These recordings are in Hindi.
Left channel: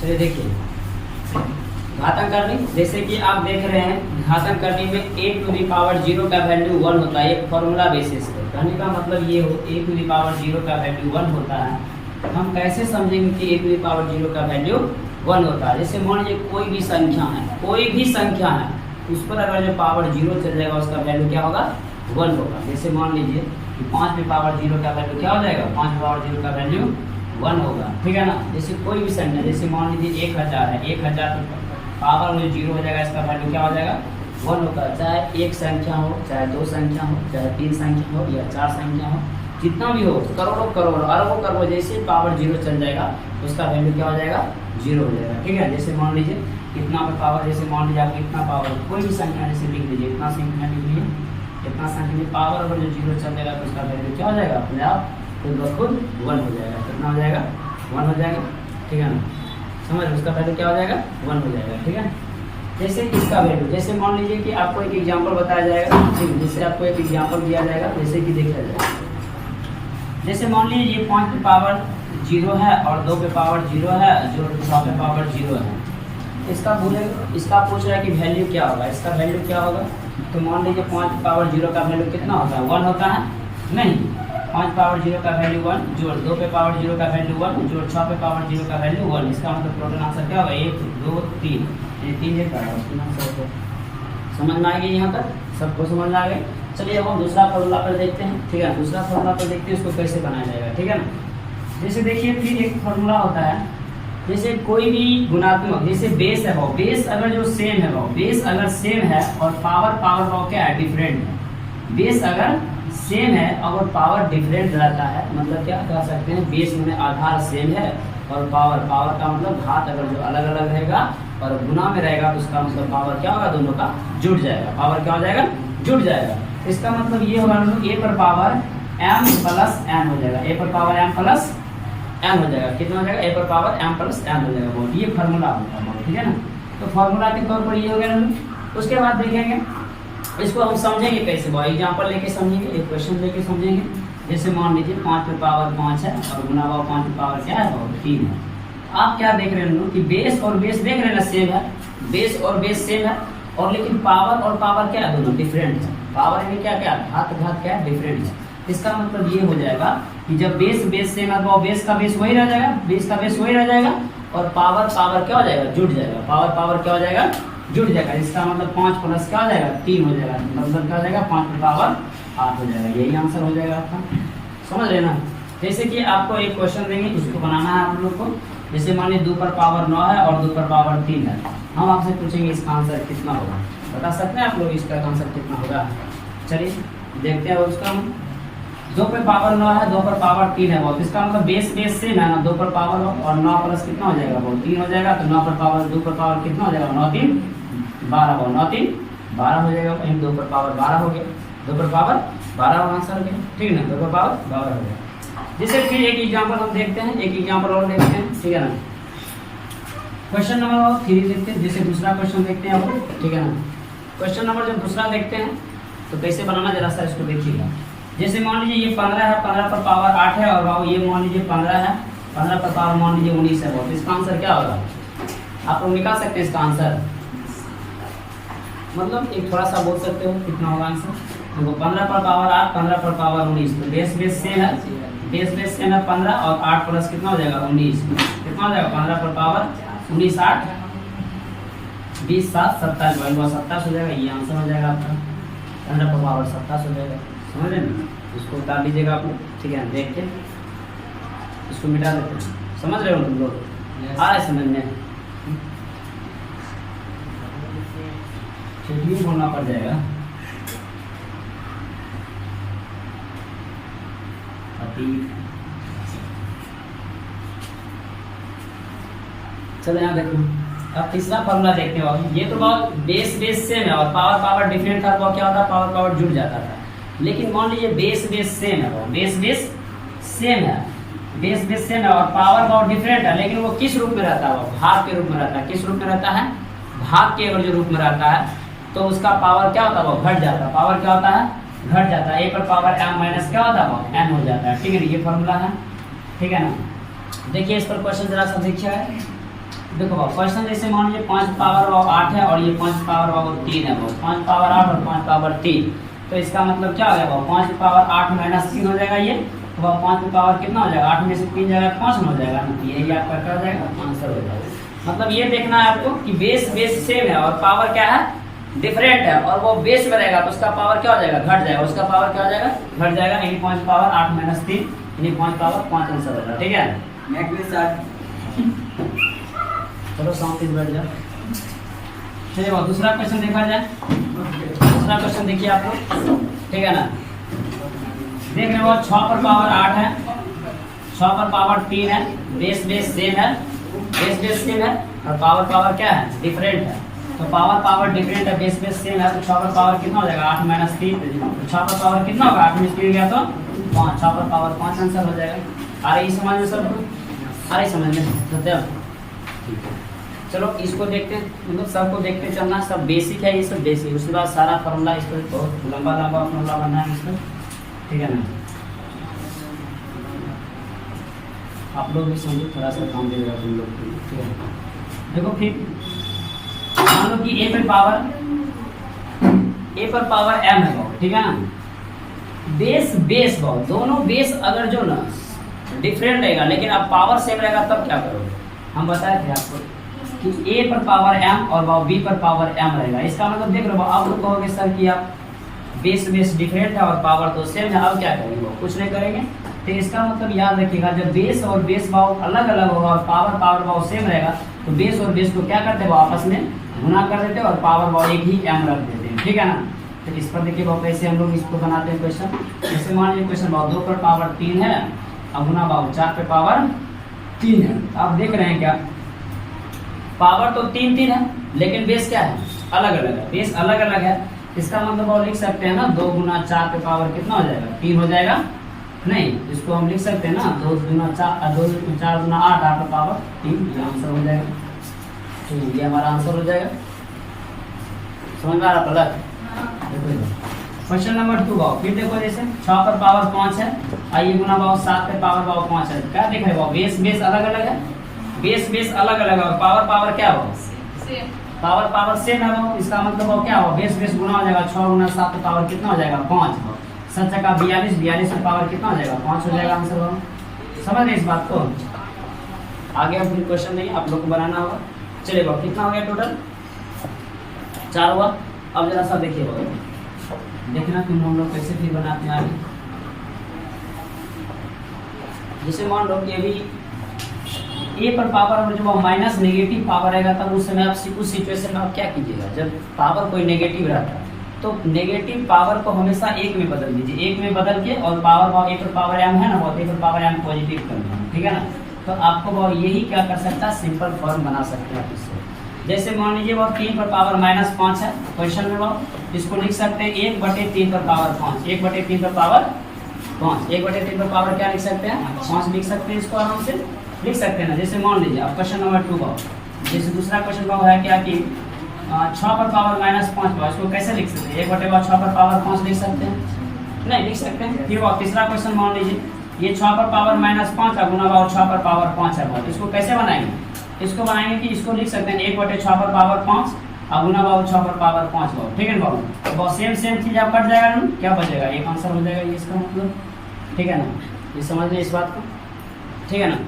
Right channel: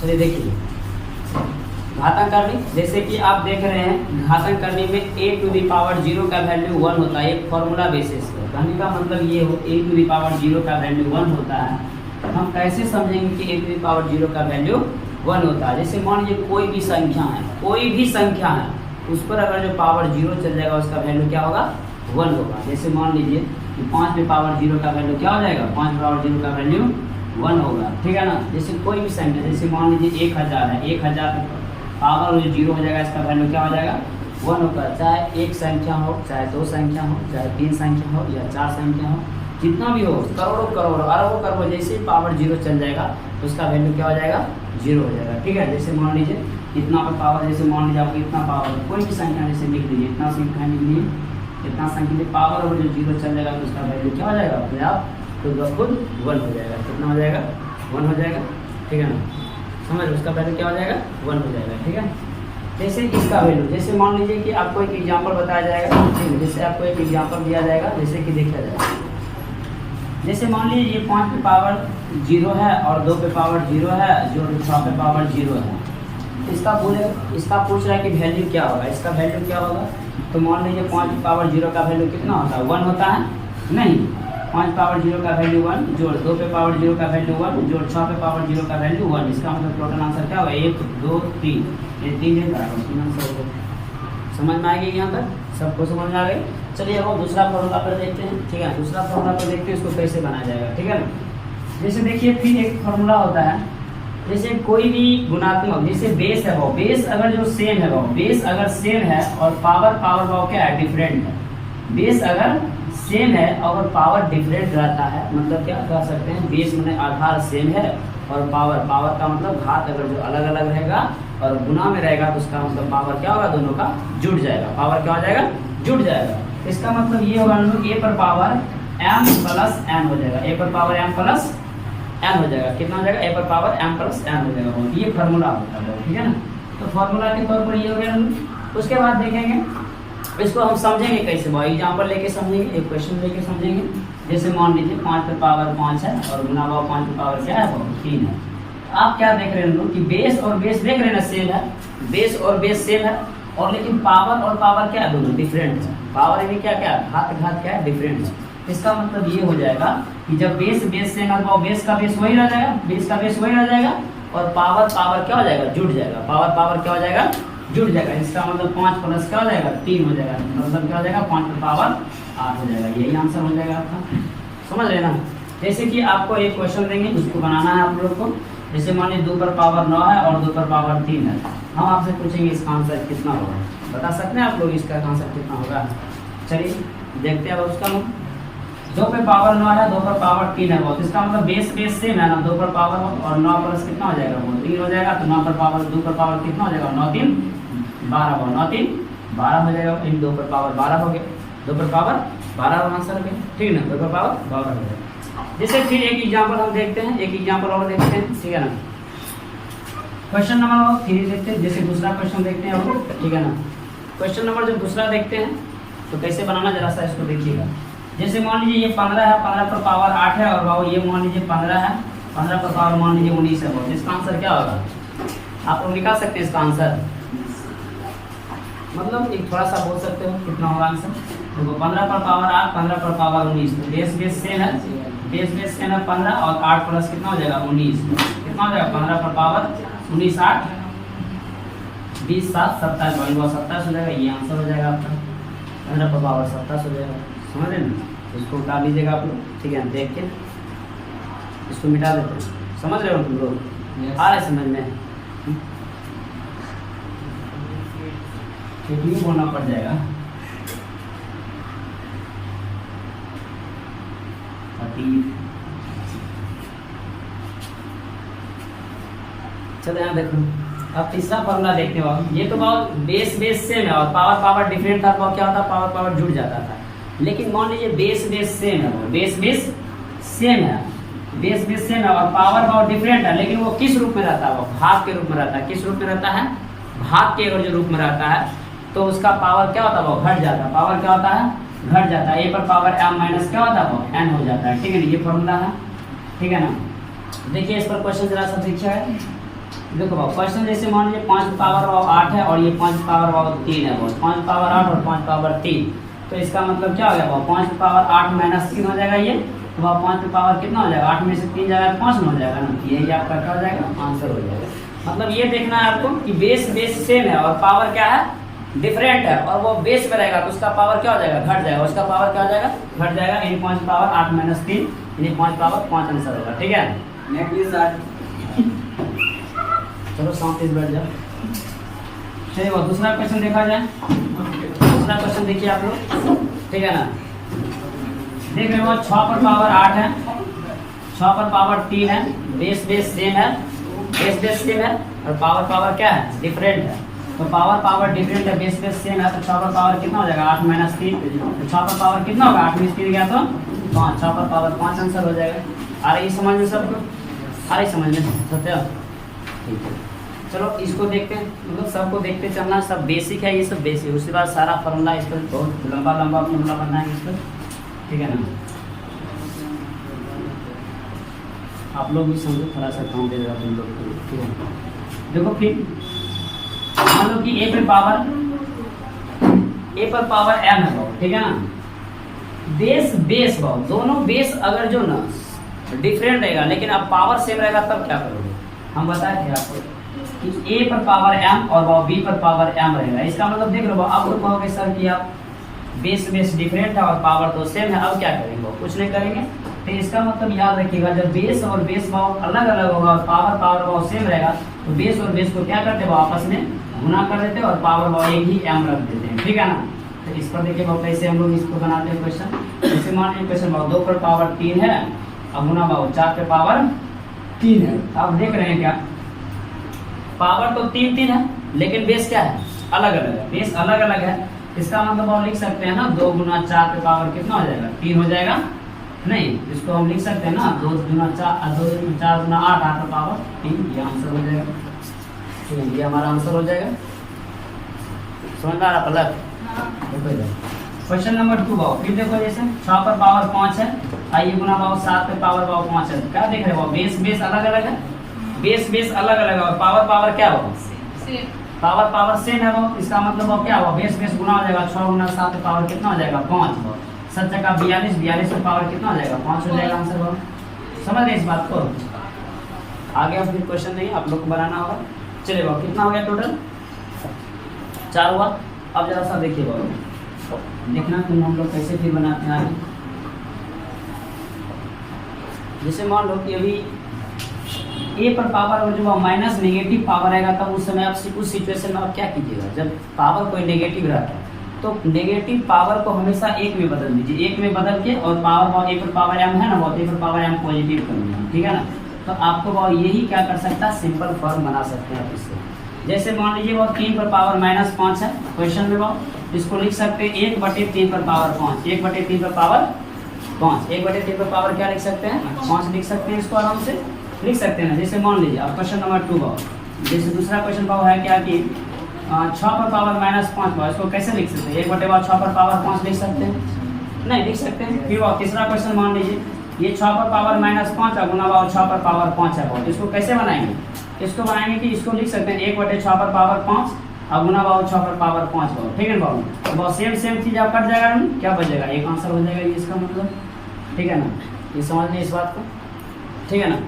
चलिए देखिए घातांक करनी, जैसे कि आप देख रहे हैं घातांक करनी में a टू दी पावर 0 का वैल्यू 1 होता है, एक फॉर्मूला बेसिस पे। कहने का मतलब ये हो a टू दी पावर 0 का वैल्यू 1 होता है। हम कैसे समझेंगे कि a टू दी पावर 0 का वैल्यू 1 होता है? जैसे मान लीजिए कोई भी संख्या है, कोई भी संख्या है, उस पर अगर जो पावर 0 चल जाएगा उसका वैल्यू क्या होगा? 1 होगा। जैसे मान लीजिए कि 5 में पावर 0 का वैल्यू क्या हो जाएगा? 5 में पावर 0 का वैल्यू 1 होगा, ठीक है ना। जैसे कोई भी संख्या, जैसे मान लीजिए 1000 है, 1000 पावर में 0 हो जाएगा, इसका वैल्यू क्या हो जाएगा? 1 होगा। चाहे एक संख्या हो, चाहे दो संख्या हो, चाहे 3 संख्या हो या 4 संख्या हो, कितना भी हो, करोड़ों करोड़ों अरबों करोड़ों, जैसे पावर 0 चल जाएगा तो उसका वैल्यू क्या हो जाएगा? 0 हो जाएगा, ठीक है। जैसे मान लीजिए कितना पर पावर, जैसे मान लीजिए आपको इतना पावर, कोई भी संख्या जैसे लिख लीजिए, इतना संख्या लिख लीजिए, इतना संख्या पावर में जो 0 चल जाएगा तो उसका वैल्यू क्या हो जाएगा? अपने आप खुद ब खुद 1 हो जाएगा। कितना हो जाएगा? 1 हो जाएगा, ठीक है ना। समझ रहे, उसका वैल्यू क्या हो जाएगा? 1 हो जाएगा, ठीक है। जैसे इसका वैल्यू, जैसे मान लीजिए कि आपको एक एग्जांपल बताया जाएगा, ठीक है। जैसे आपको एक एग्जांपल दिया जाएगा, जैसे कि देखा जाएगा, जैसे मान लीजिए ये 5 पे पावर 0 है और 2 पे पावर 0 है, जो 6 पे पावर 0 है। इसका पूछ रहा है कि वैल्यू क्या होगा, इसका वैल्यू क्या होगा? तो मान लीजिए 5 पे पावर 0 का वैल्यू कितना होता है? 1 होता है? नहीं, 5 पावर 0 का वैल्यू 1 जोड़ 2 पे पावर 0 का वैल्यू 1 जोड़ 6 पे पावर 0 का वैल्यू 1। इसका मतलब टोटल आंसर क्या होगा? 1 2 3, ये 3 देता है। समझ में आ गई? यहाँ तक सबको समझ में आ गई? चलिए अब हम दूसरा फॉर्मूला पर देखते हैं, ठीक है। दूसरा फॉर्मूला पर देखते हैं उसको कैसे बनाया जाएगा, ठीक है ना। जैसे देखिए फिर एक फॉर्मूला होता है, जैसे कोई भी गुणात्मक, जैसे बेस है, वो बेस अगर जो सेम है, वो बेस अगर सेम है और पावर वो क्या है? डिफरेंट है। बेस अगर सेम है और पावर डिफरेंट रहता है, मतलब क्या कह सकते हैं? बेस में आधार सेम है और पावर का मतलब घात अगर जो अलग अलग रहेगा और गुना में रहेगा तो उसका मतलब पावर क्या होगा? दोनों का जुड़ जाएगा। पावर क्या हो जाएगा? जुड़ जाएगा। इसका मतलब ये होगा a पर पावर m प्लस n हो जाएगा, a पर पावर m प्लस n हो जाएगा। कितना हो जाएगा? a पर पावर m प्लस n हो जाएगा। बहुत ये फार्मूला होता है, बहुत, ठीक है ना। तो फार्मूला के तौर पर ये हो गया। उसके बाद देखेंगे इसको हम समझेंगे कैसे, भाई एग्जाम्पल लेके समझेंगे, एक क्वेश्चन लेके समझेंगे। जैसे मान लीजिए 5 पर पावर 5 है और गुना 5 पर पावर क्या है? 3 है। आप क्या देख रहे हैं लोग कि बेस और बेस देख रहे हैं ना, सेम है, बेस और बेस सेम है, और लेकिन पावर और पावर क्या है? दोनों डिफरेंट है। पावर में क्या क्या घात क्या है? डिफरेंट है। इसका मतलब ये हो जाएगा कि जब बेस सेम है तो बेस का बेस वही रह जाएगा, बेस का बेस वही रह जाएगा, और पावर क्या हो जाएगा? जुड़ जाएगा। पावर क्या हो जाएगा? जुड़ जाएगा। इसका मतलब 5 प्लस क्या हो जाएगा? 3 हो जाएगा। मतलब क्या हो जाएगा? 5 पर पावर 8 हो जाएगा। यही आंसर हो जाएगा आपका, समझ लेना। जैसे कि आपको एक क्वेश्चन देंगे, उसको बनाना है आप लोग को। जैसे मान लीजिए 2 पर पावर 9 है और 2 पर पावर 3 है। हम आपसे पूछेंगे इसका आंसर कितना होगा, बता सकते हैं आप लोग इसका आंसर कितना होगा? चलिए देखते हैं। अब उसका 2 पे पावर 9 है, 2 पर पावर 3 है, बहुत इसका मतलब बेस सेम है ना, 2 पर पावर और 9 प्लस कितना हो जाएगा? बहुत 3 हो जाएगा। तो 9 पर पावर 2 पर पावर कितना हो जाएगा? 9 3 12, 9 3 12 हो जाएगा। 2 पर पावर 12 हो गया, 2 पर पावर 12 आंसर हो गया, ठीक है ना। 2 पर पावर 12 हो गया। जैसे फिर एक एग्जाम्पल हम देखते हैं, एक एग्जाम्पल और देखते हैं, ठीक है ना। क्वेश्चन नंबर 3 देखते हैं। जैसे दूसरा क्वेश्चन देखते हैं हम, ठीक है ना। क्वेश्चन नंबर जब दूसरा देखते हैं तो कैसे बनाना जरा सा इसको देखिएगा। जैसे मान लीजिए ये 15 है, 15 पर पावर 8 है, और बाबू ये मान लीजिए 15 है, 15 पर पावर मान लीजिए 19 है। बहुत इसका आंसर क्या होगा? आप लोग निकाल सकते हैं इसका आंसर, मतलब एक थोड़ा सा बोल सकते हो कितना होगा आंसर। देखो 15 पर पावर 8, 15 पर पावर 19, तो बेस सेम है, बेस सेम है 15 और 8 प्लस कितना हो जाएगा? 19। कितना हो जाएगा? 15 पर पावर 19 8 20 7 27, 27 हो जाएगा। ये आंसर हो जाएगा आपका। 15 पर पावर 27 हो जाएगा। समझ रहे हैं? इसको उतार लीजिएगा आप लोग, ठीक है। देख के इसको मिटा देते हैं। समझ रहे हो तुम लोग? आ रहा है समझ में? ठीक ही बोलना पड़ जाएगा। चलो यहाँ देखो, अब तीसरा फॉर्मूला देखते हो। ये तो बहुत बेस सेम है और पावर डिफरेंट था तो क्या होता? पावर जुड़ जाता था। लेकिन मान लीजिए बेस सेम है, बेस सेम है, बेस सेम है और पावर डिफरेंट है, लेकिन वो किस रूप में रहता है? वो भाग के रूप में रहता है। किस रूप में रहता है? भाग के अगर जो रूप में रहता है तो उसका पावर क्या होता है? वो घट जाता है। पावर क्या होता है? घट जाता है। a पर पावर m माइनस क्या होता है? वो n हो जाता है, ठीक है। ये फॉर्मूला है, ठीक है ना। देखिए इस पर क्वेश्चन जरा सा देखिए। देखो भाव क्वेश्चन जैसे मान लीजिए 5 पावर भाव 8 है और ये 5 पावर भाव 3 है, 5 पावर 8 और 5 पावर 3, तो इसका मतलब क्या हो गया भाव 5 पावर 8 माइनस 3 हो जाएगा ये, तो भाव 5 पावर कितना हो जाएगा, 8 में से 3 जाएगा 5 में हो जाएगा ना, यही आपका क्या हो जाएगा आंसर हो जाएगा। मतलब ये देखना है आपको कि बेस सेम है और पावर क्या है डिफरेंट है, और वो बेस में रहेगा तो उसका पावर क्या हो जाएगा घट जाएगा, उसका पावर क्या हो जाएगा घट जाएगा, यानी 5 पावर 8 माइनस 3 यानी 5 पावर 5 आंसर होगा। ठीक है चलो शांति से बैठ जाओ। चलिए दूसरा क्वेश्चन देखा जाए। दूसरा क्वेश्चन देखिए आप लोग, ठीक है ना, देख रहे हो 6 पर पावर 8 है, 6 पर पावर 3 है, बेस सेम है, बेस सेम है और पावर क्या है डिफरेंट है, तो पावर डिफरेंट है, बेस सेम है, तो 6 पर पावर कितना हो जाएगा 8 माइनस 3, 6 पर पावर कितना होगा 8 में 3 गया तो 5, 6 पर पावर 5 आंसर हो जाएगा। आ रही समझ में सबको, आ रही समझ में सत्य, ठीक है। चलो इसको देखते हैं, मतलब सबको देखते चलना, सब बेसिक है, ये सब बेसिक, उसके बाद सारा फॉर्मूला इस पर बहुत लंबा फॉर्मूला बनना है इस पर, ठीक है ना। आप लोग भी समझो, थोड़ा सा काम दे देगा तुम लोग को, ठीक है। देखो फिर मान लो कि ए पर पावर m है भाव, ठीक है ना, बेस भाव दोनों बेस अगर जो ना डिफरेंट रहेगा लेकिन अब पावर सेम रहेगा तब क्या करोगे, हम बताए थे आपको कि a पर पावर m और भाव b पर पावर m रहेगा, इसका मतलब देख लो अब कहोगे सर कि आप बेस डिफरेंट है और पावर तो सेम है, अब क्या करेंगे वो कुछ नहीं करेंगे, तो इसका मतलब याद रखिएगा जब बेस और बेस भाव अलग अलग होगा और पावर भाव सेम रहेगा तो बेस और बेस को क्या करते हैं वो आपस में गुना कर देते हैं और पावर भाव एक ही m रख देते हैं, ठीक है ना। तो इस पर देखिए भाव कैसे हम लोग इसको बनाते हैं क्वेश्चन, जैसे मान लीजिए क्वेश्चन भाव 2 पर पावर 3 है और गुना भाव 4 पे पावर 3 है, आप देख रहे हैं क्या पावर तो 3 है लेकिन बेस क्या है अलग अलग है, बेस अलग अलग है, इसका मतलब आप लिख सकते हैं ना 2 गुना 4 पे पावर कितना हो जाएगा 3 हो जाएगा, नहीं इसको हम लिख सकते हैं ना 2 गुना 4 गुना 8 8 पे पावर 3, ये आंसर हो जाएगा, तो ये हमारा आंसर हो जाएगा। समझ में आ रहा पलक, देखो क्वेश्चन नंबर 2 भाव फिर देखो जैसे 6 पर पावर 5 है, आइए गुना भाव 7 पे पावर भाव 5 है, क्या देख रहे हो बेस अलग अलग है, बेस अलग अलग है और पावर क्या हो पावर सेम है, वो इसका मतलब वो क्या हो बेस गुना हो जाएगा 6 गुना 7 पे पावर कितना हो जाएगा 5, हो 7 का 42 पे पावर कितना हो जाएगा 5 हो जाएगा आंसर। हो समझ रहे इस बात को, आगे अब फिर क्वेश्चन नहीं आप लोग को बनाना होगा। चलिए भाव कितना हो गया टोटल 4 हुआ, अब जरा सा देखिए भाव देखना तुम हम लोग कैसे फिर बनाते हैं आगे, जैसे मान लो कि अभी ए पर पावर में जब माइनस नेगेटिव पावर रहेगा तब उस समय आप उस सिचुएशन में आप क्या कीजिएगा, जब पावर कोई नेगेटिव रहता है तो नेगेटिव पावर को हमेशा 1 में बदल दीजिए, 1 में बदल के और पावर भाव ए पर पावर m है ना भाव ए पर पावर m पॉजिटिव करना, ठीक है ना, तो आपको भाव यही क्या कर सकता है सिंपल फॉर्म बना सकते हैं आप इससे, जैसे मान लीजिए वो 3 पर पावर -5 है क्वेश्चन में, वो इसको लिख सकते हैं 1/3 पर पावर 5, 1/3 पर पावर 5, 1/3 पर पावर क्या लिख सकते हैं 5 लिख सकते हैं, इसको आराम से लिख सकते हैं ना। जैसे मान लीजिए अब क्वेश्चन नंबर 2 भाव, जैसे दूसरा क्वेश्चन भाव है क्या कि 6 पर पावर -5 भाव, इसको कैसे लिख सकते हैं 1/6 पर पावर 5 लिख सकते हैं, नहीं लिख सकते हैं। फिर भाव तीसरा क्वेश्चन मान लीजिए ये 6 पर पावर -5 और गुना भाव 6 पर पावर 5 है भाव, इसको कैसे बनाएंगे, इसको बनाएंगे कि इसको लिख सकते हैं 1/6 पर पावर 5 और गुना भाव 6 पर पावर 5 भाव, ठीक है ना भाव, तो बहुत सेम चीज आप कट जाएगा ना, क्या बचेगा एक आंसर हो जाएगा ये इसका मतलब, ठीक है ना, ये समझ लें इस बात को, ठीक है ना।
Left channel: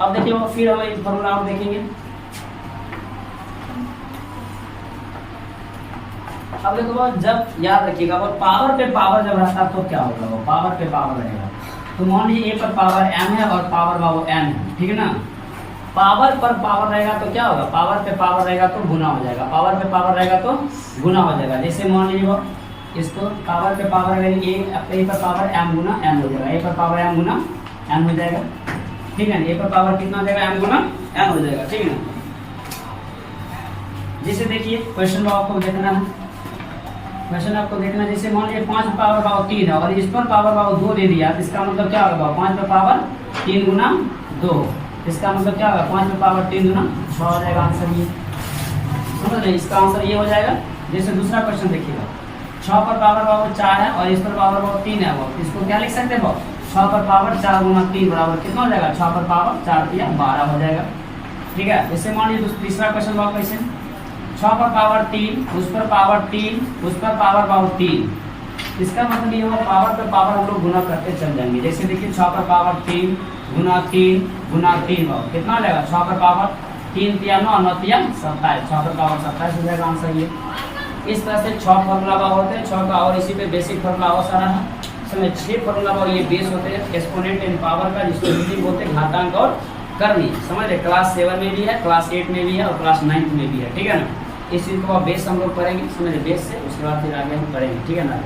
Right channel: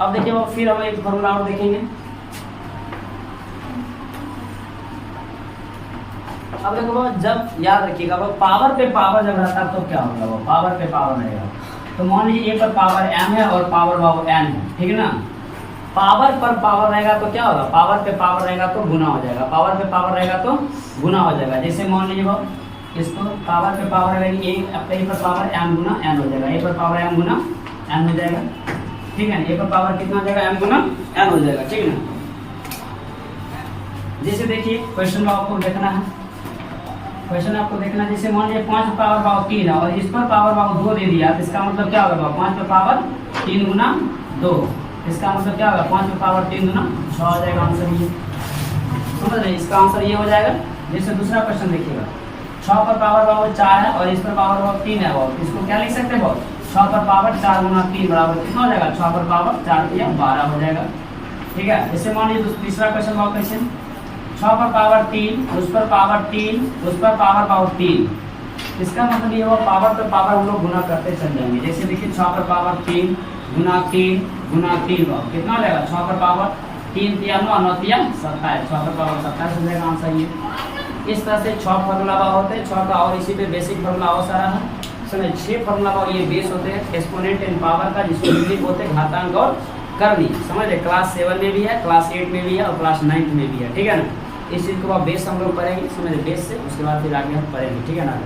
अब देखिए वो फिर हम एक फॉर्मूला और देखेंगे, अब देखो वो जब याद रखिएगा वो पावर पे पावर जब रहता है तो क्या होगा, वो पावर पे पावर रहेगा, तो मान लीजिए ए पर पावर m है और पावर भाव n है, ठीक है ना, पावर पर पावर रहेगा तो क्या होगा पावर पे पावर रहेगा तो गुना हो जाएगा, पावर पे पावर रहेगा तो गुना हो जाएगा, जैसे मान लीजिए वो इसको पावर पे पावर रहेगा ए पर पावर m गुना n हो जाएगा, ए पर पावर m गुना n हो जाएगा, ठीक है ना, ए पर पावर कितना हो जाएगा m गुना n हो जाएगा, ठीक है ना। जैसे देखिए क्वेश्चन भाव आपको देखना है, क्वेश्चन आपको देखना है, जैसे मान लीजिए 5 पावर भाव 3 है और इस पर पावर भाव 2 दे दिया, तो इसका मतलब क्या होगा 5 पर पावर 3 गुना 2, इसका मतलब क्या होगा 5 पर पावर 3 गुना 6 हो जाएगा आंसर, ये समझ रहे इसका आंसर ये हो जाएगा। जैसे दूसरा क्वेश्चन देखिएगा 6 पर पावर भाव 4 है और इस पर पावर भाव 3 है, और इसको क्या लिख सकते हैं भाव 6 पर पावर 4 गुना 3 बराबर कितना हो जाएगा 6 पर पावर 4 या 12 हो जाएगा, ठीक है। जैसे मान लीजिए तीसरा क्वेश्चन पाओ क्वेश्चन 6 पर पावर 3, उस पर पावर 3, उस पर पावर पावर 3। इसका मतलब ये हुआ पावर पर पावर हम लोग गुना करते चल जाएंगे। जैसे देखिए 6 पर पावर 3 गुना 3 गुना 3 पावर कितना हो जाएगा, 6 पर पावर 3 तिया 9, 9 तिया 27, 6 पर पावर 27 हो जाएगा आंसर ये। इस तरह से 6 फॉर्मूला होते हैं 6 का, और इसी पे बेसिक फॉर्मूला और सारा है। इसमें 6 फॉर्मूला और ये बेस होते हैं एक्सपोनेंट एंड पावर का, जिसको हिंदी बोलते हैं घातांक और करनी। समझ ले, क्लास 7 में भी है, क्लास 8 में भी है और क्लास 9 में भी है, ठीक है ना। इस चीज को बेस हम लोग करेंगे, समझ बेस से उसके बाद फिर आगे हम पढ़ेंगे, ठीक है ना।